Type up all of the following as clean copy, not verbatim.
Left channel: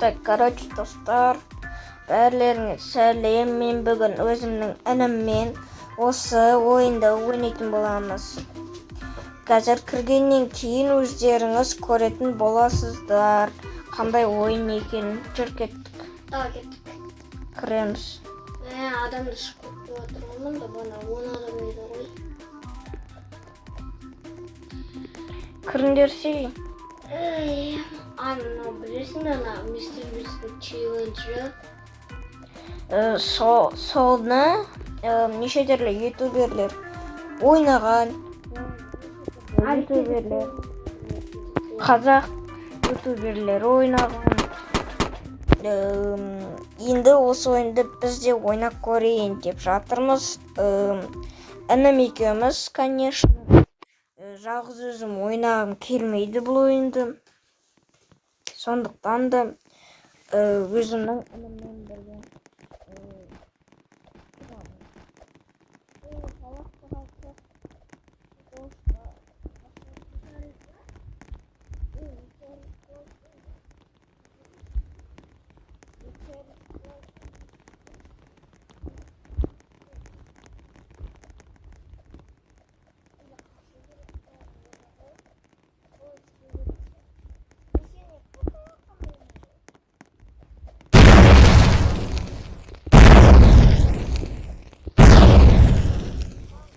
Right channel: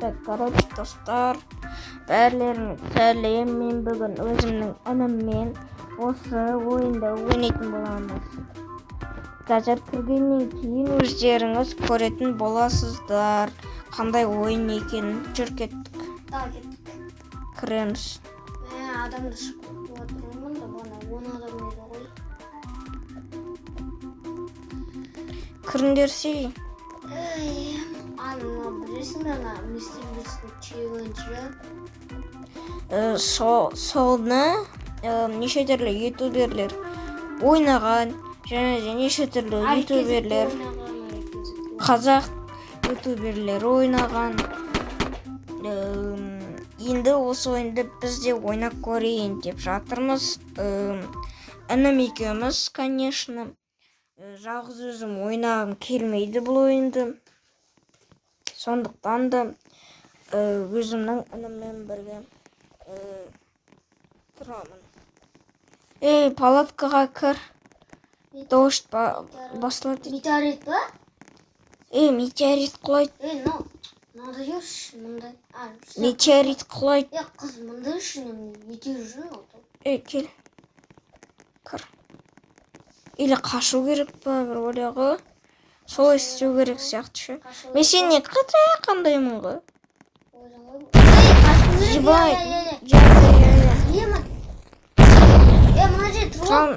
Так, короче, достар, бәрілеріңе сәлем. Мен бүгін өзімнің ініммен осы ойында ойнайтын боламыз. Қазір кіргеннен кейін өздеріңіз көретін боласыздар. Қандай ойын екенін. Жүр кеттік. кеттік. Кіреміз. Адамды шығып отырмын да бана 10 адам еді ғой. Кіріңдерсе. Ана білесің бе, ана Мистер Бистің челленджі? Соны неше түрлі ютуберлер ойнаған, және де неше түрлі ютуберлер, қазақ ютуберлер ойнаған. Енді осы ойынды біз де ойнап көрейін деп жатырмыз. Інім екеуміз, конечно. Жалғыз өзім ойнағым келмейді бұл ойынды. Сондықтан да өзімнің ініммен бірге тұрамын. Палаткаға кір. Дождь басылады. Метеорит па? Метеорит құлайды. Мынада жүрші, мында. Метеорит құлайды. Қыз, мында жүрші, метеорит жүрші. Кел. Кір. Или қашу керек па, бір ойлағы. Солай істеу керек сияқты ше. Мен сені қандаймын ғой. Жібай. Мына жер тұрған.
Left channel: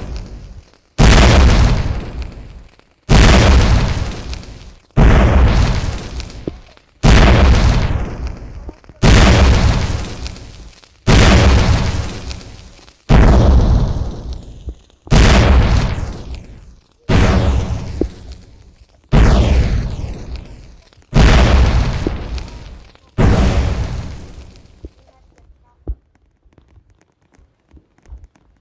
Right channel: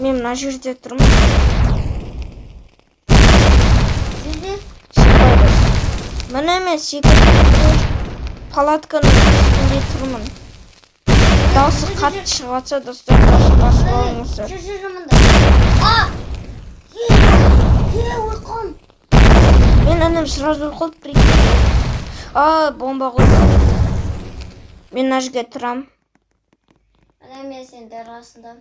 Мен мына жерде тұрмын. Міне мен палатканың тұрмын. Дауысы қатты шығатса достар, басылыңыздар. Мен інім сразу ұйқылып бомба қойды. Мен мына жерге тұрам. Мен сендер арасында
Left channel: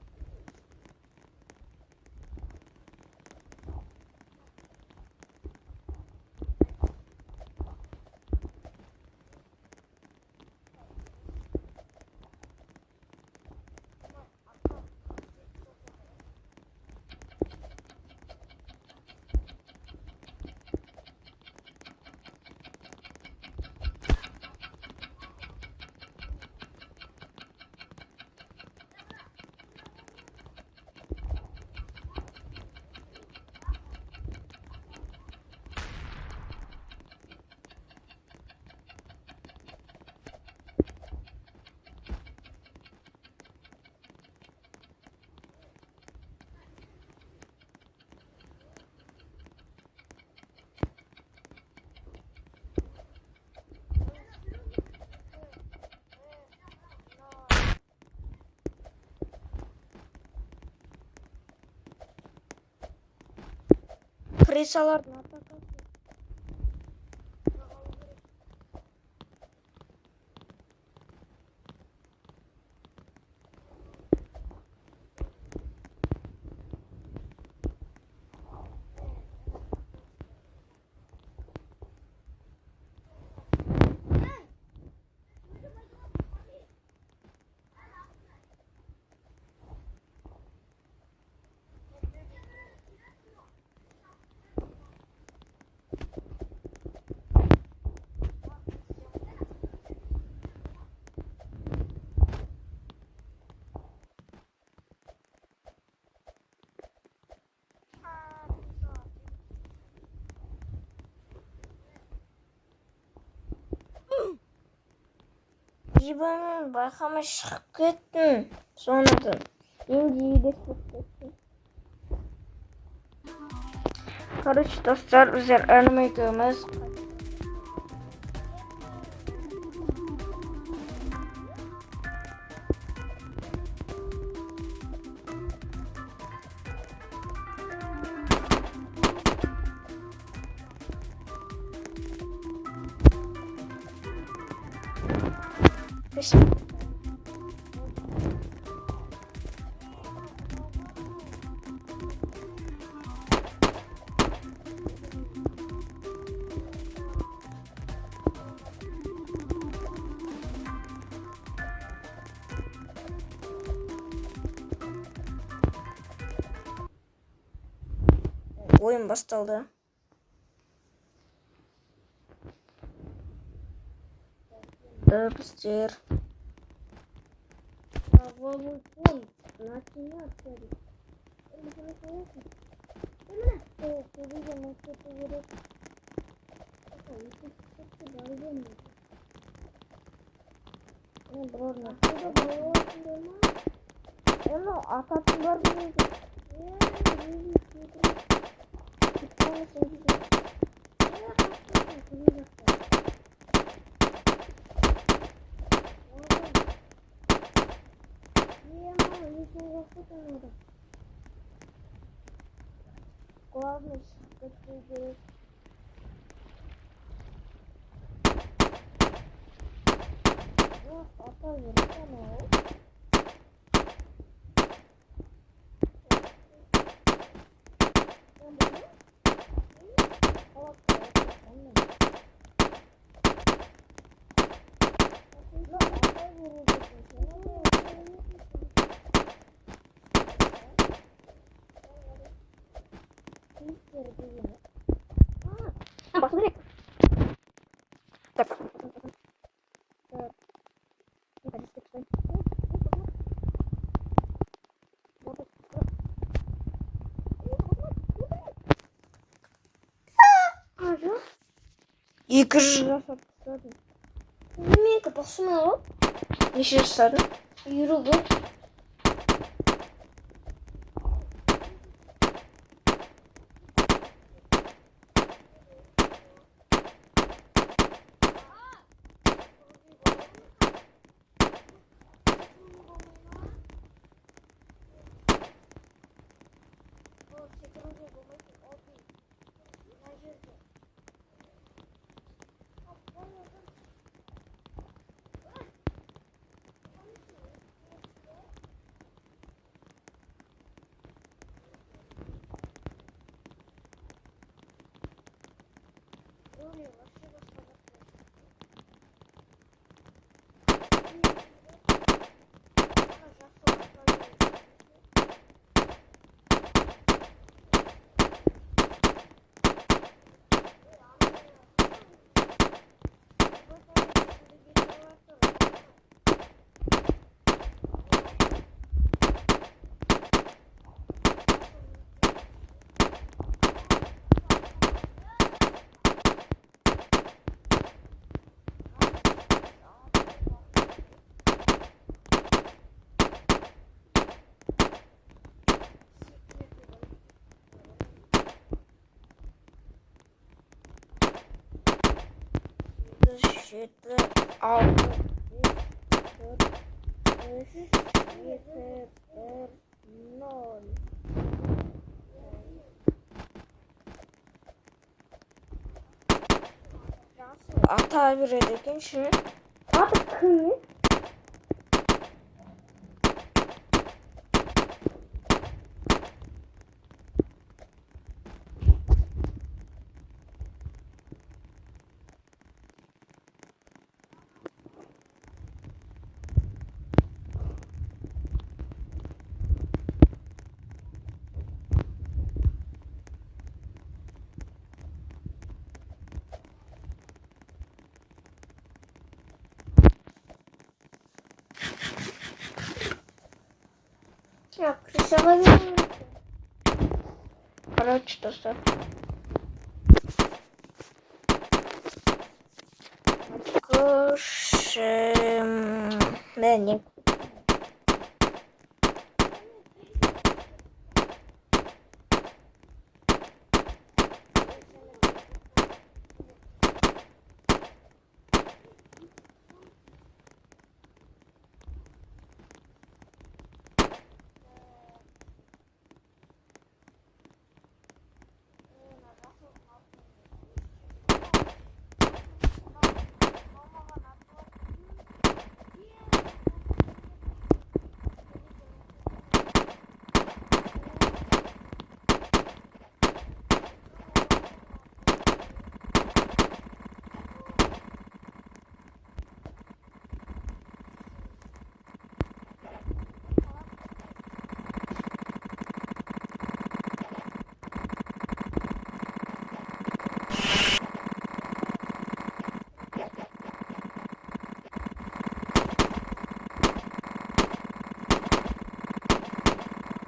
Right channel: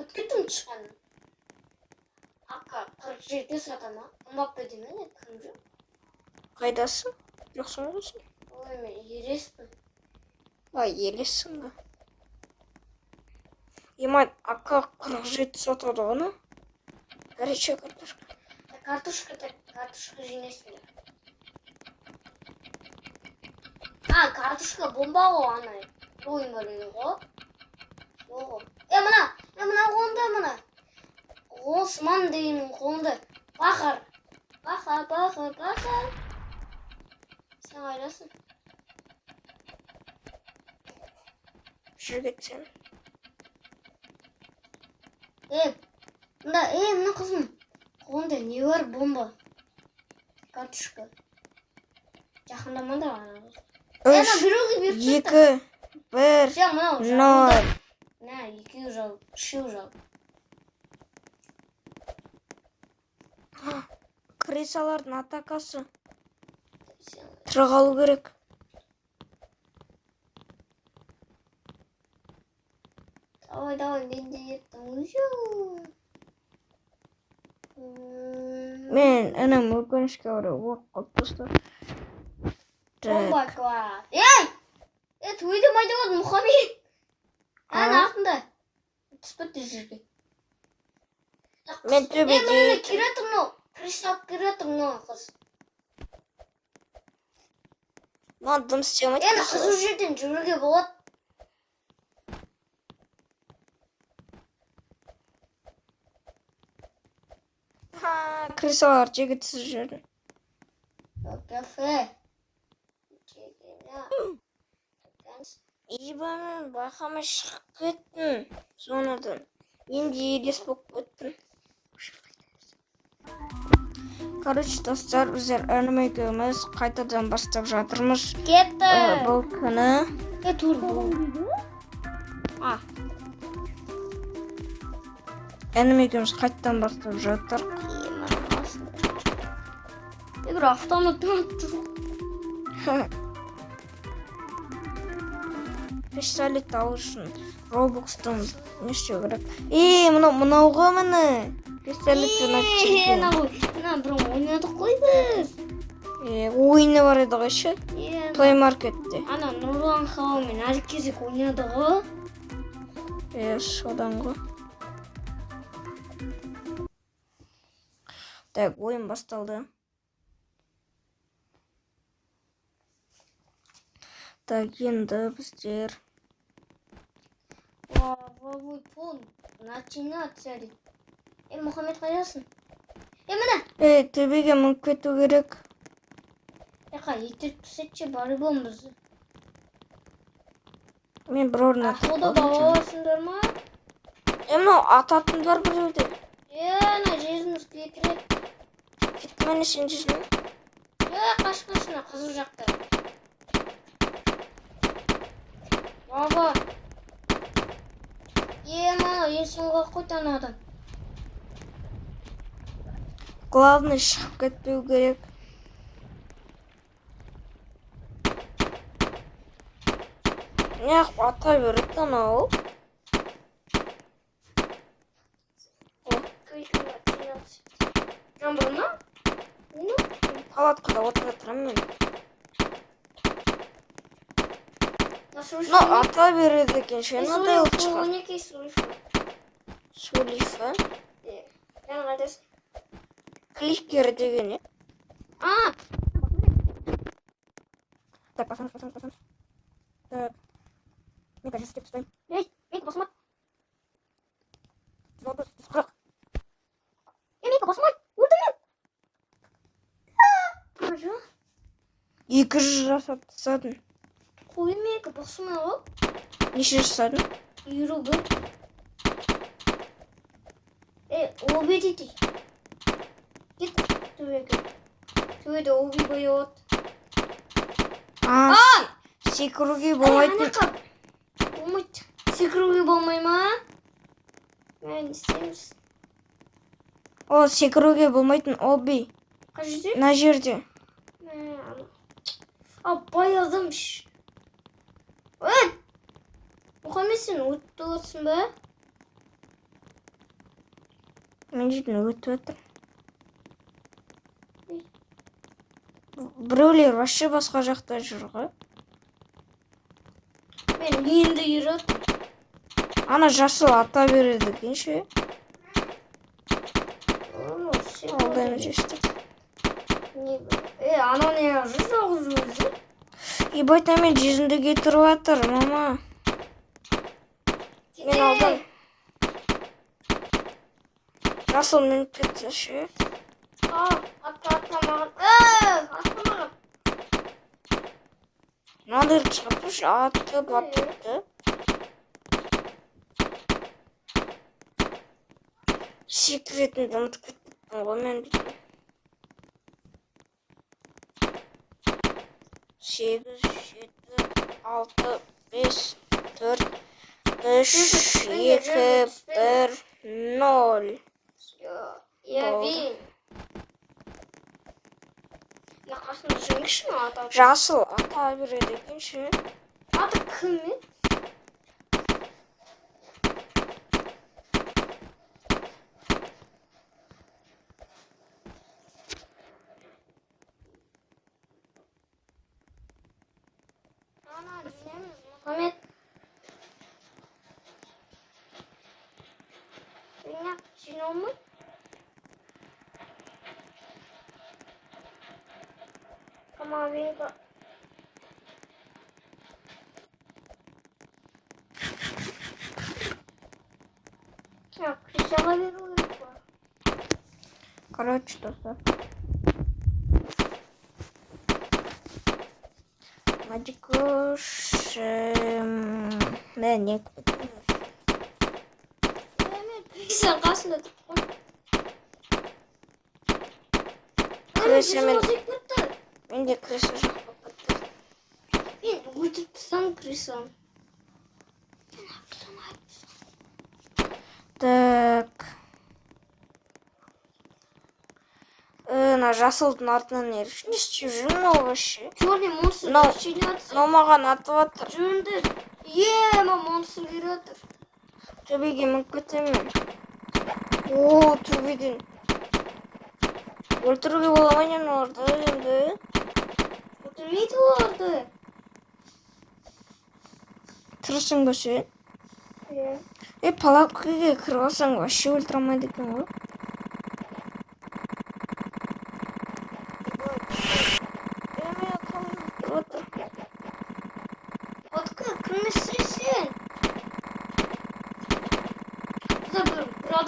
өткеттім шыққаны. Ақа 47 сатана ұмаппы демен кім жүр? Қайдасың? Жоқсың ғойсың? Ой, мен ереспін. Елессің ба? Емай, ақа 47 сатады ғына? Горячая картошка. Картошка жеңесің. Картошка бомба ғой ана. Ойын бөлінген ғой. Мына қолында мына. Осман деймін қолында. Бақыр. Сен қайдасың? Жүр кетсен. Мына қызым. Қолында не бар бомба? Картошка. Жақындамады ғана. 3, 2, 1, 0. Екеу жал, үшеу жал. Крысалардың атакасы. Тұрғалу керек. Давай, мен де еттім. Мен інім өкінішке орай оқып достар. Бомба. Тойды майда болды, Мұхаммед. Артында. Түспетті жерге. Мен төбеде. Мен керетім но. Кристалл керетім но қыз. Маған дым істемейді. Қызу жерден жүруге болады. Крысалар жегітсіз жүрді. Кафе. Ебамен байқамай шығып кеттім. Соныдан. Мен де елес болып кеттім. Короче, достар, біздер інім екеуміз қайтадан бастап жатырмыз. Кетті. Бұл күні. Інім екеуміз қайтадан бастап жатыр. Бір автоматтан тұр. Пистолет алу үшін Roblox'тан не істеу керек? Мынауға міне. Пистолеттен Мына бұрын ойнадық қой біз. Ойыны бар еді ғой ше? Play Market'те. Ана Нұрлан Хаумен әлі кезек ойнады ғой. Содан ғой. Так, ойын басталды. Так, енді біздер Главой пункт. Начинация дейді. Мұхаммед қайдасың? Міне! төбеге мініп кету керек. Итеріп түсетші бары болмыз. Мен бір орын Ақылды балаларсыңдар ма? Мынау ататындар бұл жерде. Ана жеріміз кетіреді. Кетті мені сен жезін. Қашқышына қызыл жақта. Баба. Мынау есіңға қойтан адам. Главный шығып кетпеу керек. Неғып ата берді анау. Жан болма? Палаткада отырып жатырмын мен. Ну, ата береді екен ше. Мынадай ұлт шығар. Өнекей сөйлейші. Сөйлейші. Жаңа қайдасың? Кликер деген не? Басу керек. Так, басамыз. Так. Мен қазір істеп ұстайын. Басыма. Вопрос сұрақ. Басыма. Өлдім мен. Қажы. 200 жасадың. Қоймейкі басыма ғой. Неше жасадың? Үйрігі. Оби дейді. Кет. Төбеге. Төбеде оби қойып. Секіруге болмайтын. Болмайды. Секіруге болмай ма? Мен істейміз. О, секіруге болмайтын оби. Қай жерде? На жерде. Баядым. Мұхаммед сен өтті отырсың ба? Мен жерден өтіп жатыр. Біреулер вообще басқа жақта жүр ғой. Мен енді үйрет. Ана жасыл ата береді екен ше. Алдайын жесті. Ана не жүр жалғыз өзі? Ебайта мен жезімді кетіріп жатыр, мама. Мен алдан. Жасыл мініп кетсе ше. Атламаған. Мынадай шапыш атты батырды. Секретімді ұмытып кеттім ғой мен. 8, 7, 6, 5, 4, 3, 2, 1, 0. Жасыл ата береді екен ше. Аты кім? Мұхаммед. Сен олмай? Камавенька. Крысаға берейін ба? Короче, достар. Мен не Сен қасында тұрып менде крыша жоқ болып кетті. Мен өтіп тұрсам крысам. Так. На жасылдың артынан не істеп жүрмін ол вообще? Черный монстр расчленяться. Мынау маған атып жатыр. Жүріңдер. Монстр келіп жатыр. Төбеге мініп кетемін. О, төбеден. Өлтіруге бола ма не оларды енді? Өлтірмейді оларды. Тірісің ба сен? Палаткаға кіріп алсаң вообще өлтіре алмайды екен ғой.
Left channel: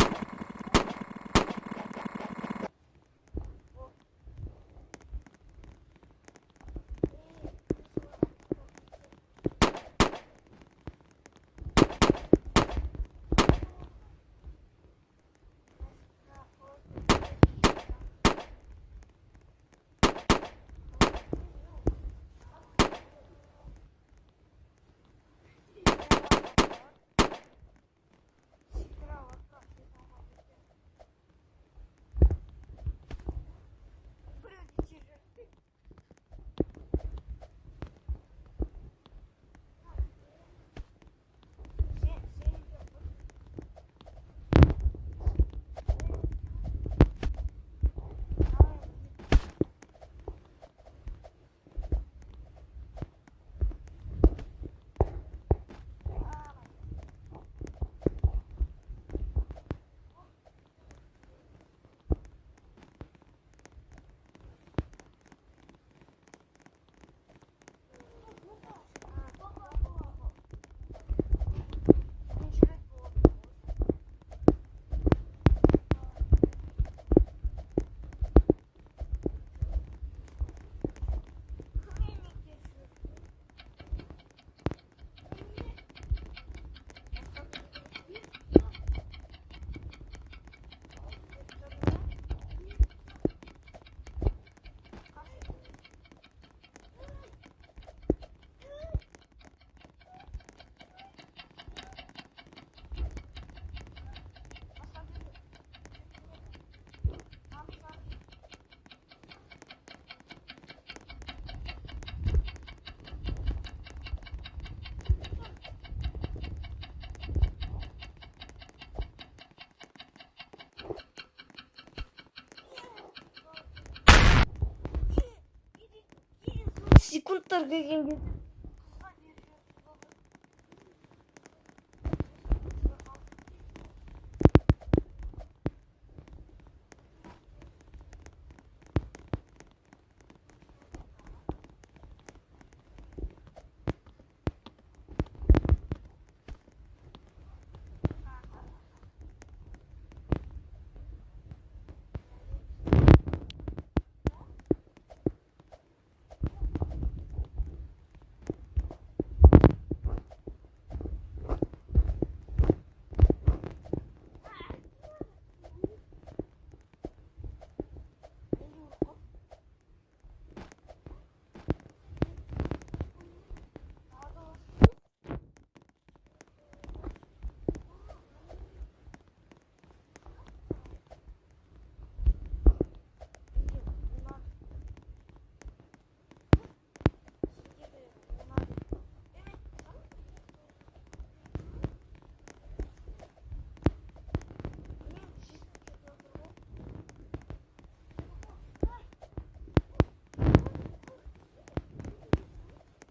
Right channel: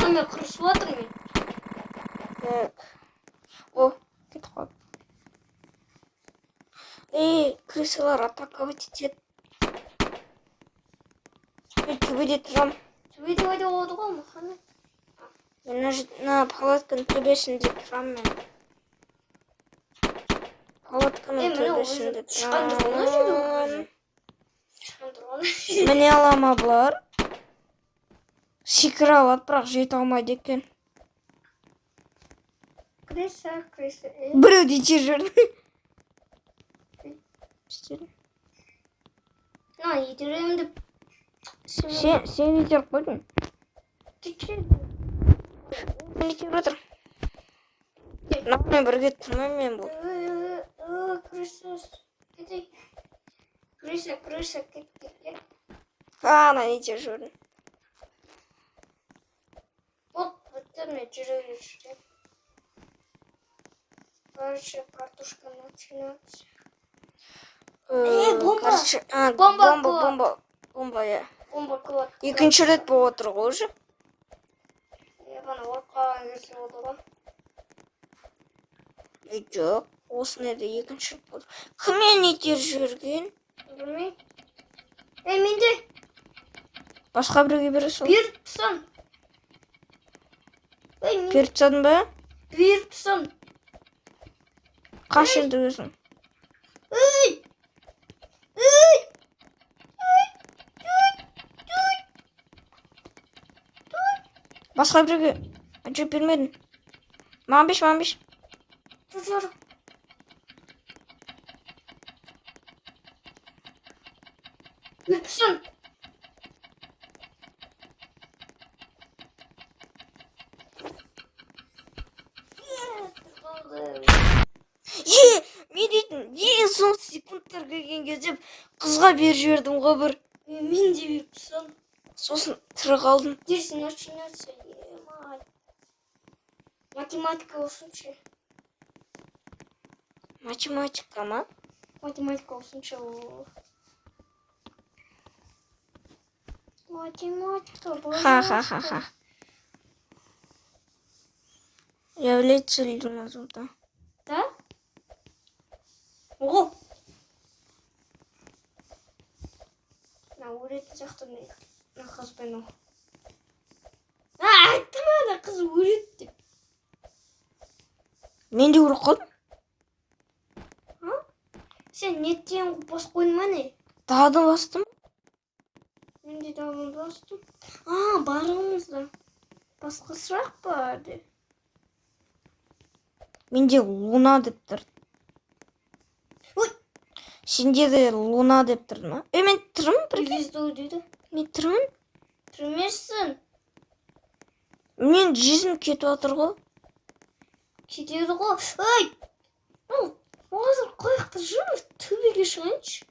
Oyuna kurusu vardır mı? Yok. О, кетіп қалды. Крысалар атаковать етеді. Мен төбеде тұрам. Төбеде ойда oldu ғой Мұхаммед. Мен мына палатканың төбесінде тұрам мен. Палатканың төбесінде тұрам. Міне алама бұлар. Секіре алады, бірақ жете алмайды екен. Крыса. Біреу де жер жүрді. Едіремді. Сен итеріп қойдың. Мен итеріп отыр. Нақмен бірге тұрмайм мен бұл. Крыса. Ана итеріп жүрді. Вот бітірме жүреді. Короче, картошка начинается. Бомба! Бомба, я. Бомба кылады. Екінші рет болып отыр ғой уже. Ғана отқа келсе болды ғой. Жоқ, осыны да екінші рет болды. Кіммен итеріп жүрген? Білмеймін. Менде. Басқа біреуге бере сал. Беріп тұрсам. Беріп тастадың ба? Беріп тұрсам. Қаш енді өзің. Басқа біреуге әжеп бермедің. Маған беш. Жүр. Беріп тұрсам. Мен дейтін, ең соңғы секундтар келген кезде қызға беріп жібердім ғой бір. Мен де беріп тұрсам. Сосын тірі қалдым. Дерсін начинаться. Математика olsunca. Математика ма? Математика olsunca. Математика. Ха. Является ли результатом? Да? Ого! На улице кто мне хазбену. Айтма ана қыз өледі деп. Мен де өліп қалдым. Сен неттен бас қойдың ма не? Дағды бастым. Мен де дағды бастым. Барымызда басқа сұрақ бар де. Менде Луна деп тұр. Сенде де Луна деп тұрды ма? Мен тұрмын бірге. Звезду дейді. Мен тұрмын. Тұрмешсің. Мен жүзім кетіп отыр ғой. Кетеді ғой. Қазір қояқты жүрміз. Төбеге шығайыншы.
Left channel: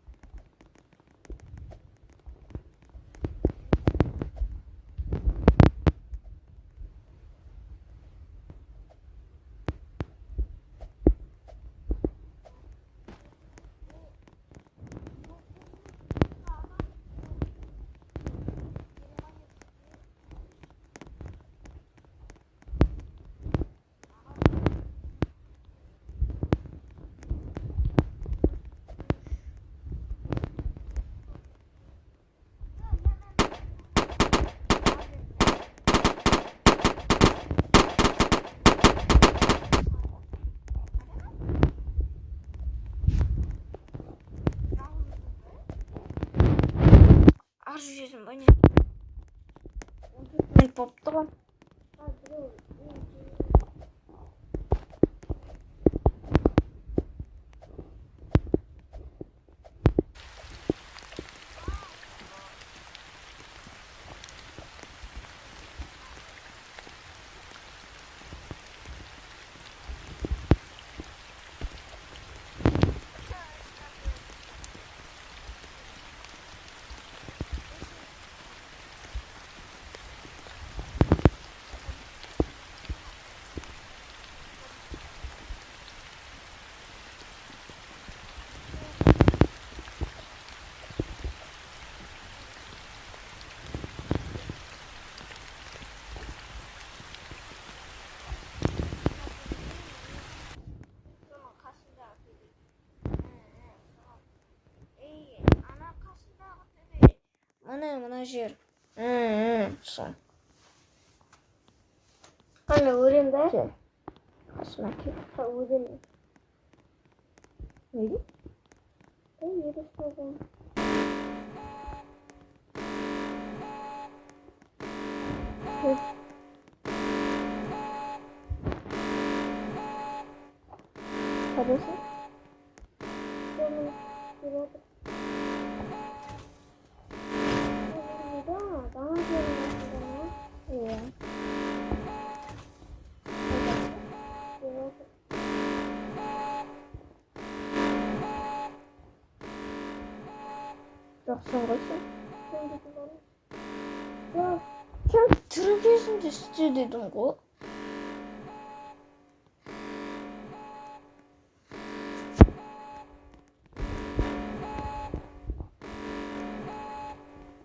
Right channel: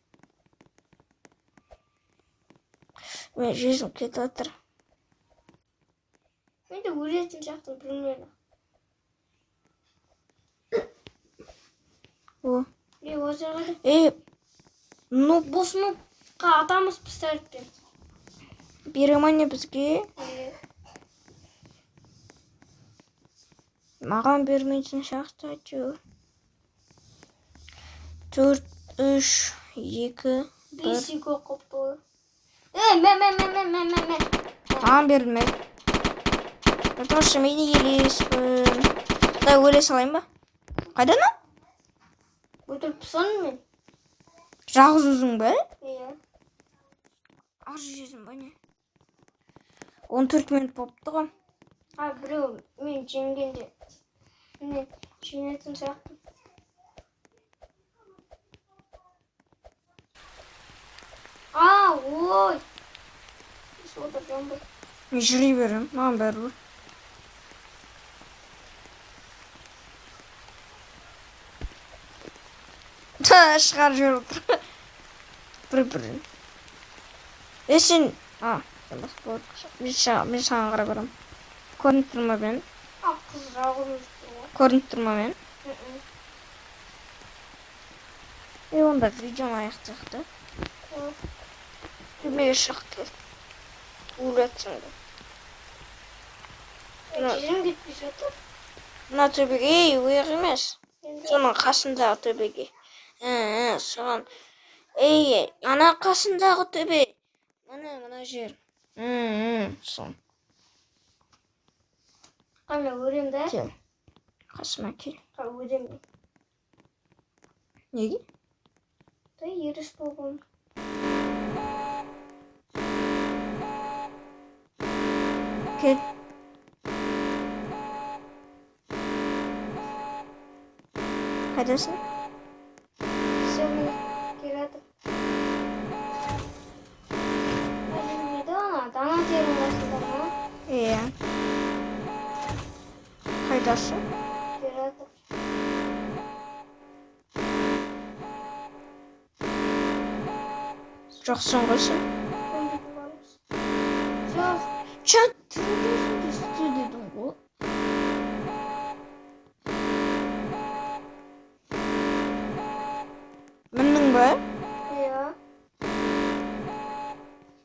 Мен жүзім кетіп отыр. Мен де өлетін жақтың білмеді. Ну, босынуға атамыз пістәріппен. Беремане бізге. Маған бермейтін шақты әйтеуір. 4, 3, 2, 1. 5 2 қопты. Мен. Маған берілме. Потому что мен елеспін. Құдай өле салайын ба? Қайдан о? Өтіріп тұрсаның мен. Жалғыз өзің ба? Иә. Ар жүзім ба не? 14 минут болыпты ғой. Біреу мен жеңгенде. Міне, жеңетін сияқты. Ой. Мен жүре берем, маған бәрібір. Шығар жүріп отыр. Бір. Сен... Мен саған қарап барам. Көрініп тұрма мен. Көрініп тұрма мен. Онда видео аяқтақты. Көрмеге шықты. Өлетсіңді. Жерім кетпей жатыр. Мына төбеге, өйір емес. Соның қасындағы төбеге. Соған. Ана қасындағы төбе. Мына жер. Сол. Қане өрем да? Кел. Қасыма кел. Өрем. Неге? Еріс болғым. Кел. Қайдасың? Все, мен келе жатыр. Жүрмейді ана, дана терінің астында ма? Иә. Қайдасың? Келе жатыр. Жоқсың ғой сен. Көмдетіп бармыз. Жоқ. Тірідесің де істе дедің ғой. Міндің ба? Иә.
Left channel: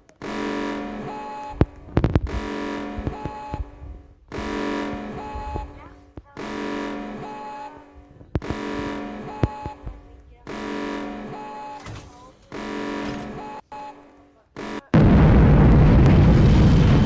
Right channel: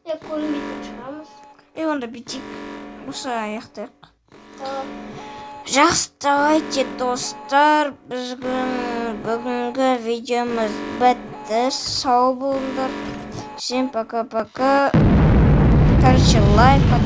Көмдетіп шығамыз. Онда бүйтейік. Осы аяқтайық. Жақсы, давайте, достар. Бүгінгі видеомыз бітті. Сау болыңдар. Всем пока-пока. Короче, лайк